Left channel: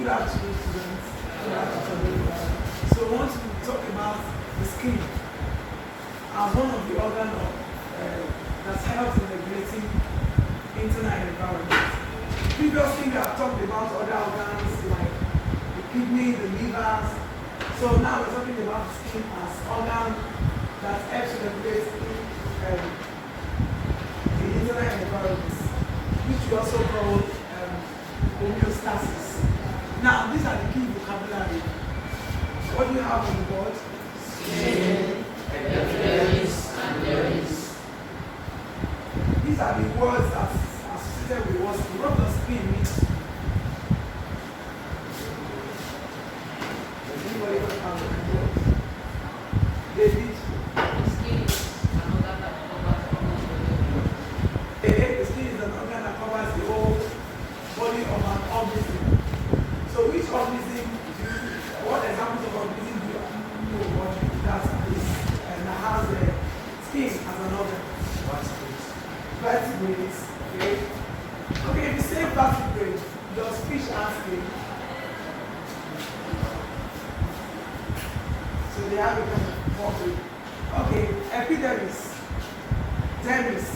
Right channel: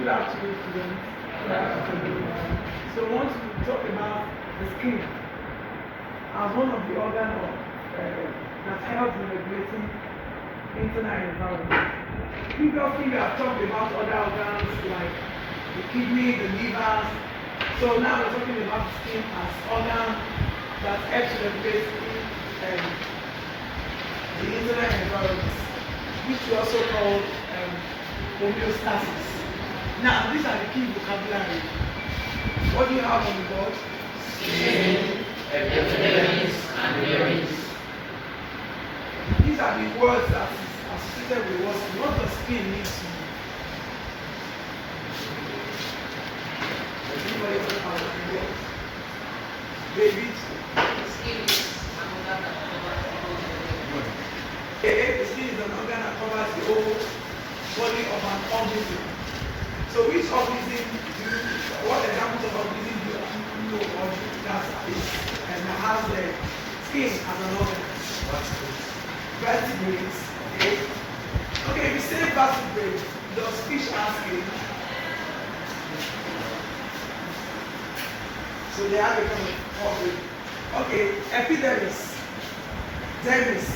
Good afternoon, students. Good afternoon. So I want to talk about the skin as one of the organs that helps in regulating internal environment. Previously, we have talked about other organs like the kidney, the liver. So now we're talking about the skin as organ that helps regulate the internal environment, which we also call homeostasis. Now, these are the key vocabulary. What do you have on the board? Skin, epidermis, and dermis. These are the words that are associated with what the skin needs. Anybody have the word? David? The skin is an organ that covers almost everything. The skin is an organ that covers the whole body of an organism. So which organism what examples of organism do you know what that is and has the skin as an organ? Vertebrates. Okay. Okay, if you say vertebrate, does fish have skin? So they have a kind of covering. Okay, epidermis, dermis.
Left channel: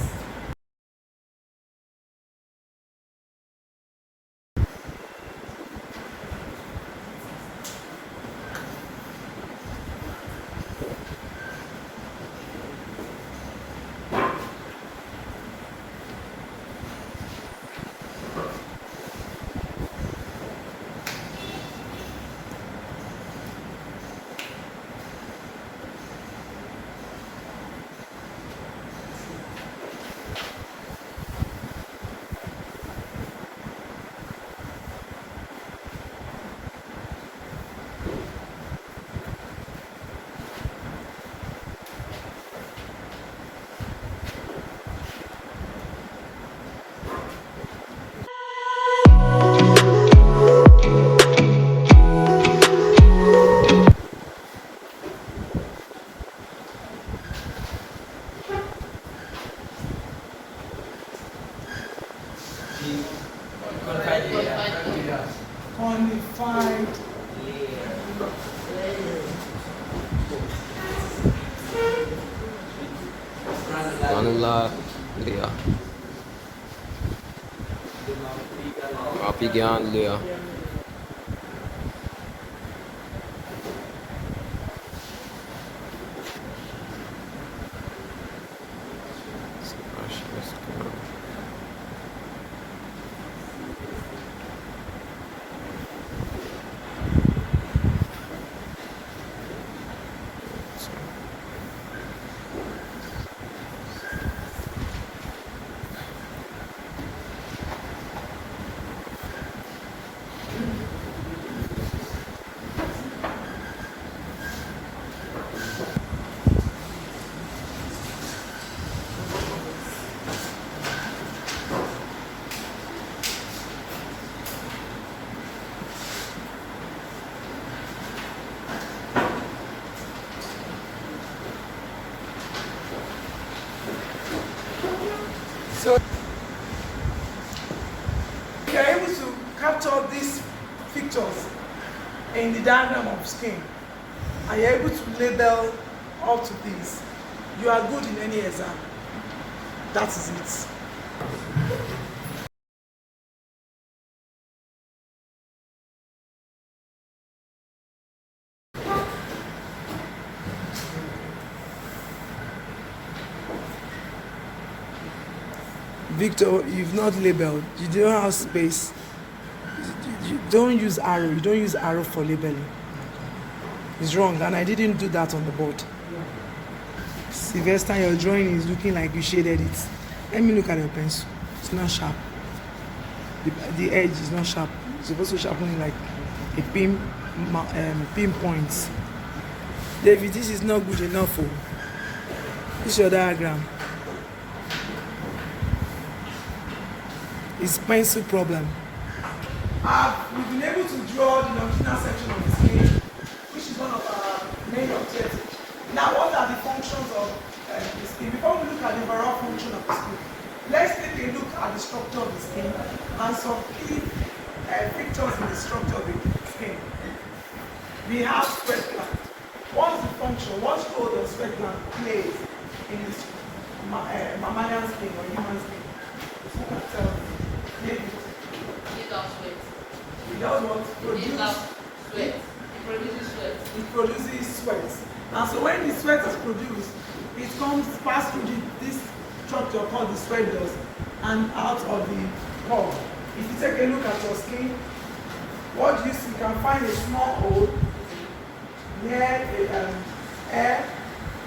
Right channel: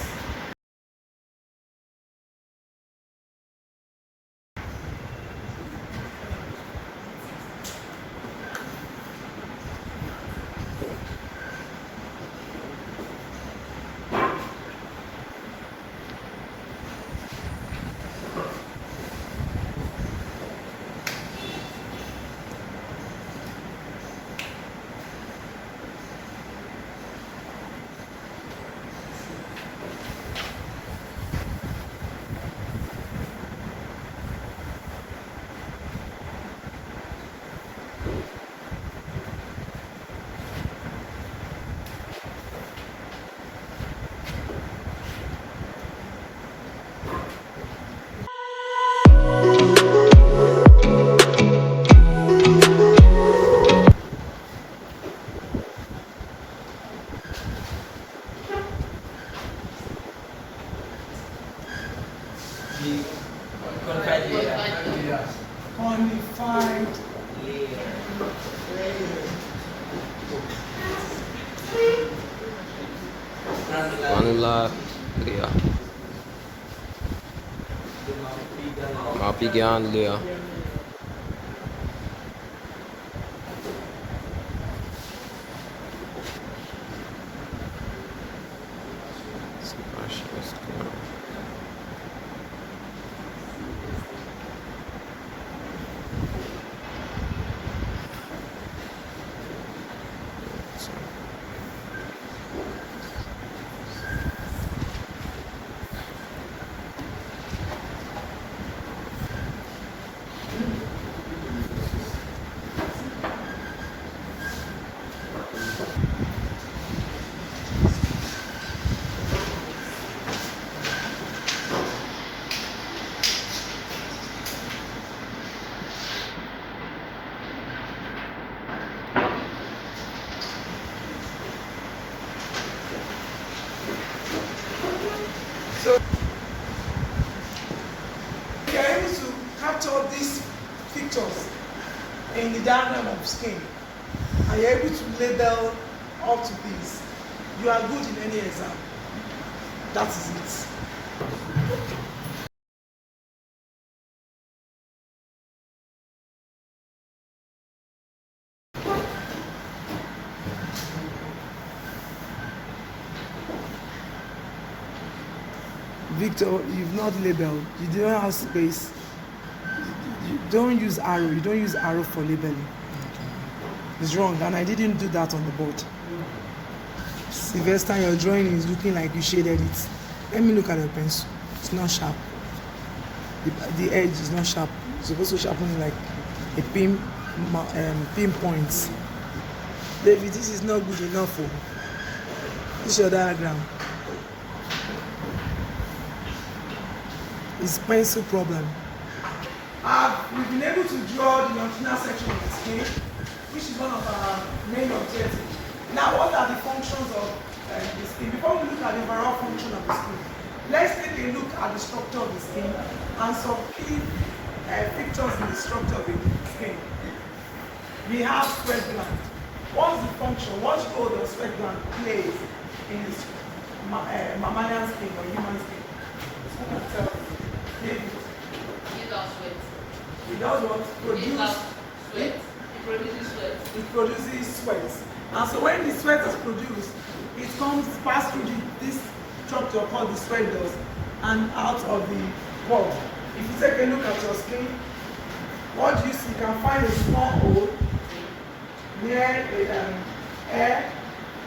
Quantified granular layer, Mapigian layer, So if you are able to capture these pictures in the diagram of skin and you're able to label up to this, you are good in any exam. That is it. Victor, you've not labeled. You don't have space. You don't use arrow. You don't use arrow for labeling. It's wrong, and I didn't do that on the board. Sylvester, your drawing is looking like you shaded it. Let me look at your pencil. It's not sharp. The edge is not sharp. It's supposed to sharpen like a pinpoint. David, this is not good enough. Oh. This is your diagram. It's pencil problem. We've been able to draw the longitudinal section of the skin, which is one of our main objectives. Now, what are the functions of the skin? Before we look at the overall function of the skin, let's take a look at the structure of the skin and some key features in the structure of the skin. We have sweat gland. What's the function? What role does sweat gland play in this mammalian skin or human skin? Who can tell me? Maybe. It does sweat. It does what? It Produce has sweat. It produces sweat. It produces sweat. And so when the sweat is produced, it comes pass through this structure called the sweat glands and out of the pore. If you take a look at your skin, what do you see? You can find a small hole near the air.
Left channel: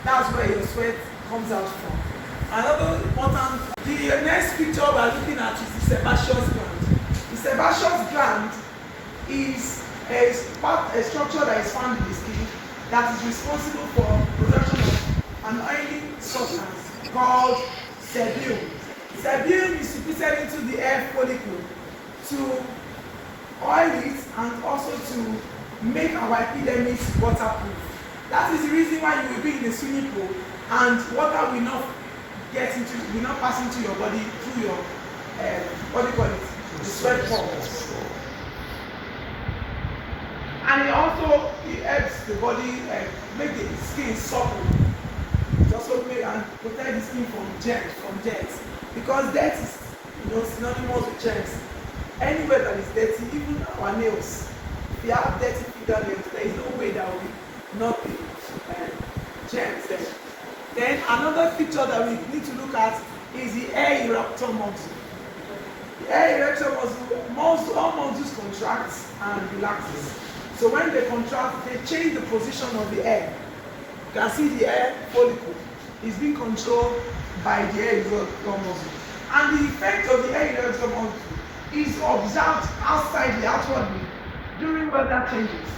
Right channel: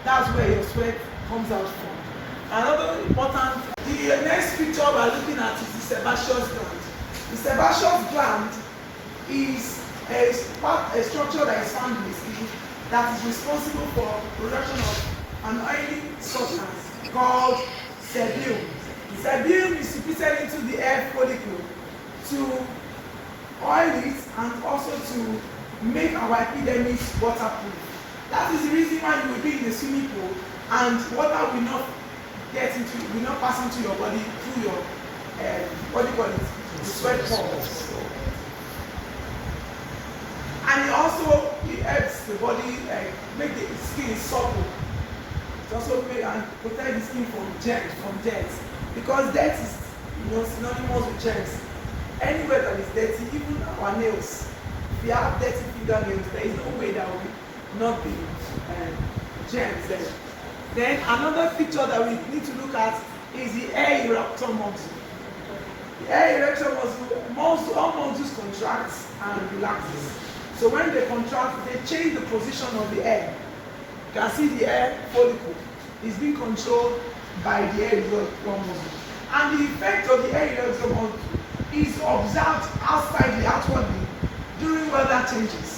That's where your sweat comes out from. Another important, the next picture we are looking at is the sebaceous gland. The sebaceous gland is a structure that is found in the skin that is responsible for production of an oily substance called sebum. Sebum is secreted into the hair follicle to oil it and also to make our epidermis waterproof. That is the reason why you will be in a swimming pool and water will not pass into your body through your what do you call it? The sweat pores. And it also helps the body make the skin supple. It also make and protect the skin from germs. Because dirt is synonymous with germs. Anywhere that is dirty, even our nails. If you have dirty fingernails, there is no way that will not be germs there. Then another picture that we need to look at is the air erector muscle. The air erector muscle, all muscles contract and relaxes. So when they contract, they change the position of the air. You can see the air follicle is being controlled by the air erector muscle. And the effect of the air erector muscle is observed outwardly during weather changes.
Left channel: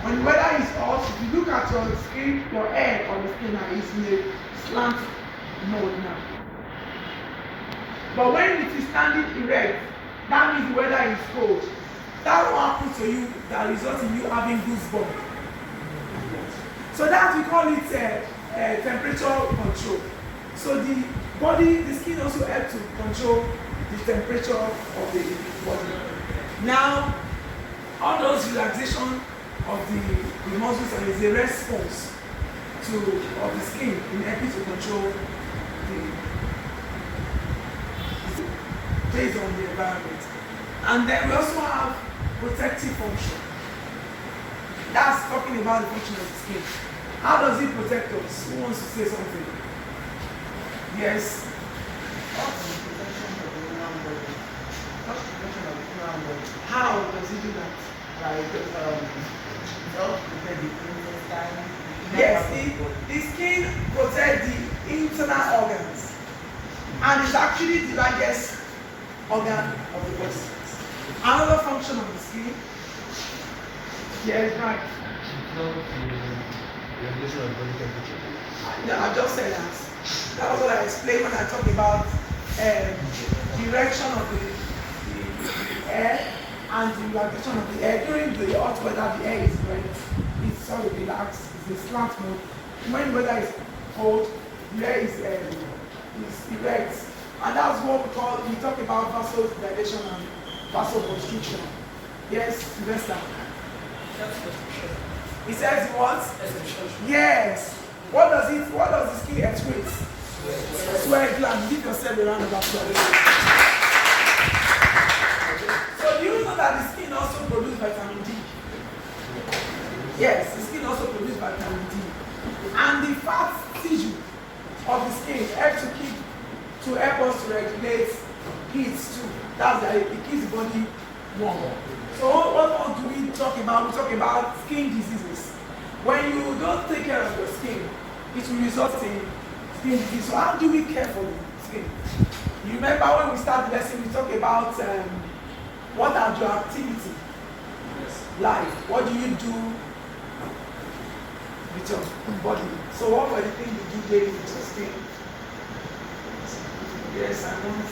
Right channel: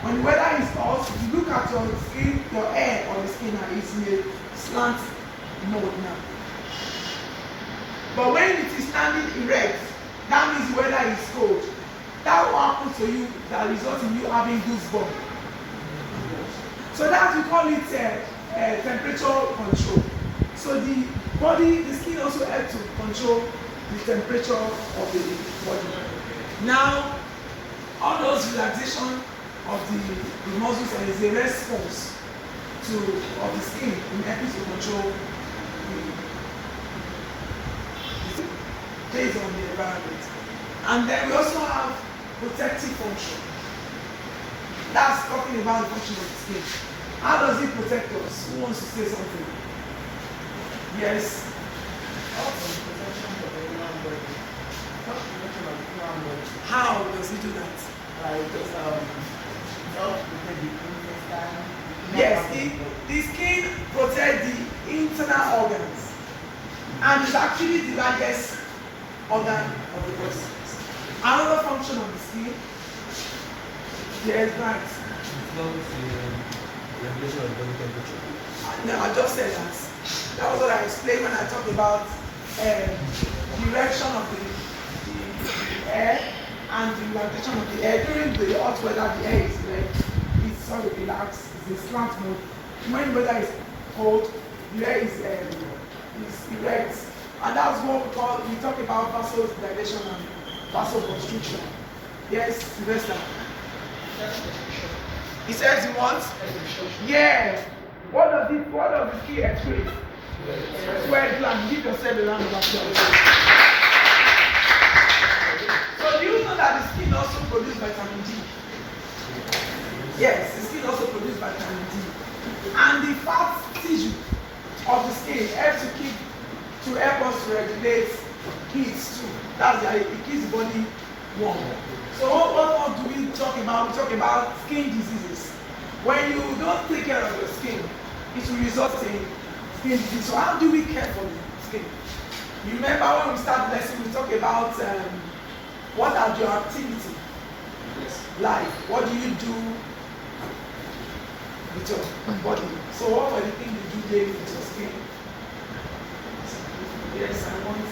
When the weather is hot, if you look at your skin, your hair on the skin is in a slant mode now. But when it is standing erect, that means the weather is cold. That will happen to you, that results in you having goosebumps. So that we call it temperature control. So the body, the skin also helps to control the temperature of the body. Now, all those relaxation of the muscles is a response of the skin in helping to control based on the environment. And then we also have protective function. That's talking about the function of the skin. How does it protect us? Who wants to say something? Yes. How does it do that? Yes, the skin protects the internal organs, and it's actually the largest organ of the body. Another function of the skin, yes, right. Regulation of body temperature. No, I just said that. That was what I explained when I talked about direction of the air and the relaxation of the air. During the hot weather, the air is it's sort of relaxed, it's a slant mode. When the weather is cold, the air is erect. And that's what we talk about vasodilation and vasoconstriction. Yes, Sylvester. He says what? Yes. What does the skin express? Sweat gland. Give yourself a round of applause. So do you know that the skin also produces vitamin D? Yes, the skin also produces vitamin D. And the fat tissue of the skin helps to help us to regulate heat too. That's why it keeps the body warm. So what do we talk about? We talk about skin diseases. When you don't take care of your skin, it will result in skin disease. So how do we care for the skin? You remember when we started the lesson, we talked about what are your activities like? What do you do with your body? So what were the things you do daily with your skin? Yes, I want to.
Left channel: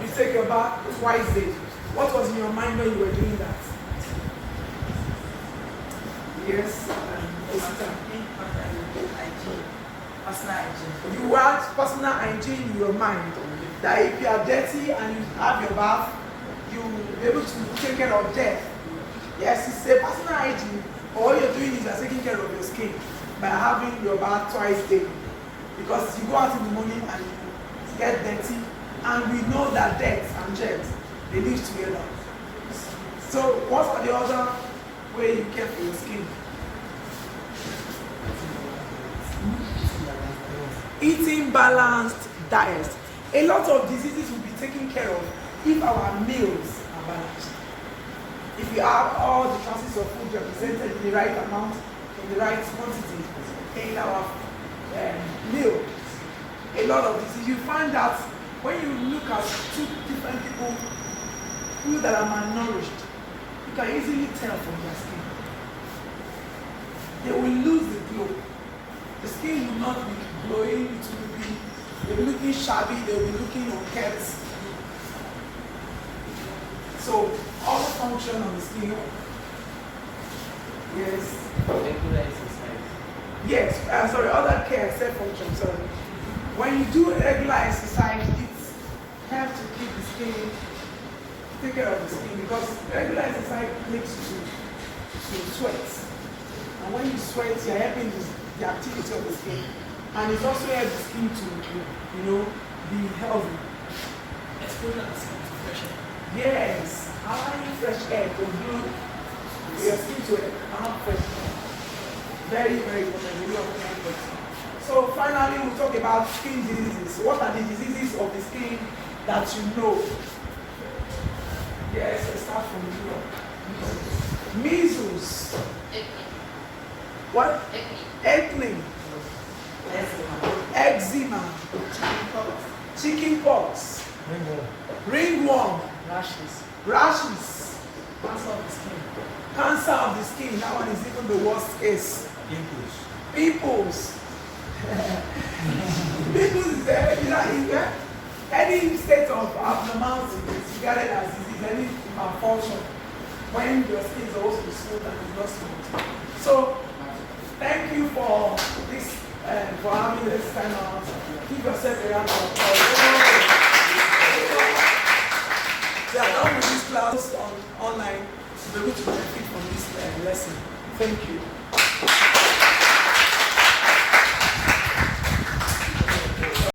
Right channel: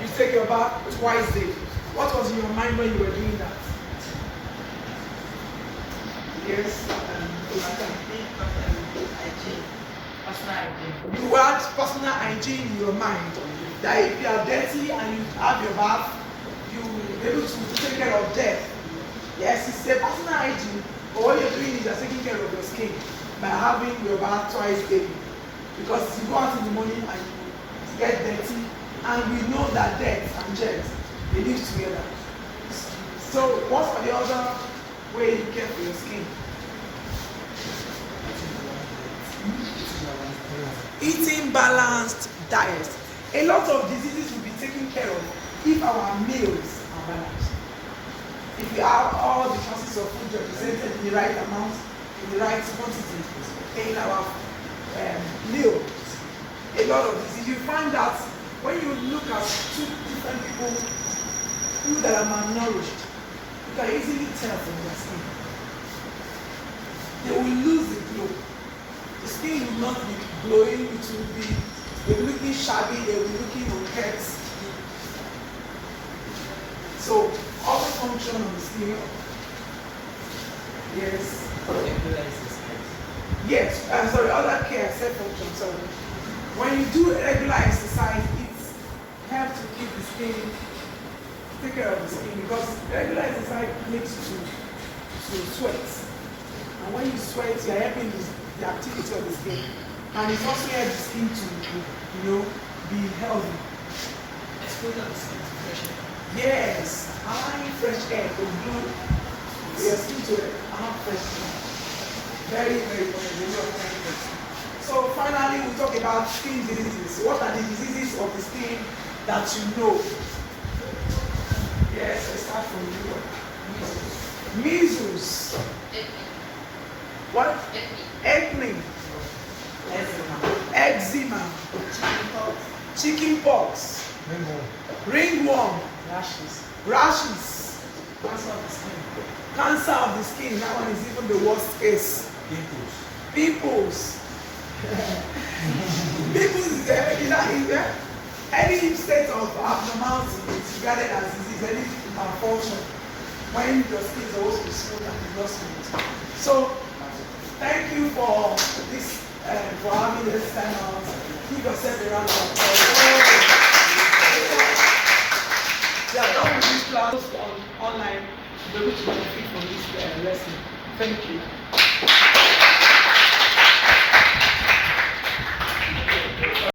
You take your bath twice daily. What was in your mind when you were doing that? Yes, personal hygiene. You want personal hygiene in your mind. That if you are dirty and you have your bath, you will be able to take care of death. Yes, it's a personal hygiene, but what you're doing is you're taking care of your skin by having your bath twice daily. Because you go out in the morning and you get dirty, and we know that dirt and germs, they live together. So what are the other way you care for your skin? Eating balanced diet. A lot of diseases will be taken care of if our meals are balanced. If you have all the classes of food represented in the right amount, in the right quantity in our meal, a lot of diseases, you find that when you look at two different people that are malnourished, you can easily tell from their skin. They will lose the glow. The skin will not be glowing, it will be, they'll be looking shabby, they'll be looking unkempt. So, other function of the skin. Yes. Regular exercise. Yes, sorry, other care, cell function, sorry. When you do regular exercise, it helps to keep the skin, take care of the skin, because regular exercise makes you to sweat. And when you sweat, you're helping the activity of the skin. And it also helps the skin to, be healthy. Exposure of the skin to fresh air. Yes, high fresh air to blow your skin to have fresh air. Very, very important. So finally, we'll talk about skin diseases. What are the diseases of the skin that you know? Yes, let's start from you. Measles. What? Acne. Eczema. Chickenpox. Ringworm. Rashes. Cancer of the skin. Cancer of the skin. That one is even the worst case. Pimples. Pimples is any state of abnormality is regarded as disease, any malfunction when your skin is supposed to be smooth and is not smooth. So, thank you for this, for having this time out. Give yourself a round of applause. We are done with this class online to be able to benefit from this lesson. Thank you.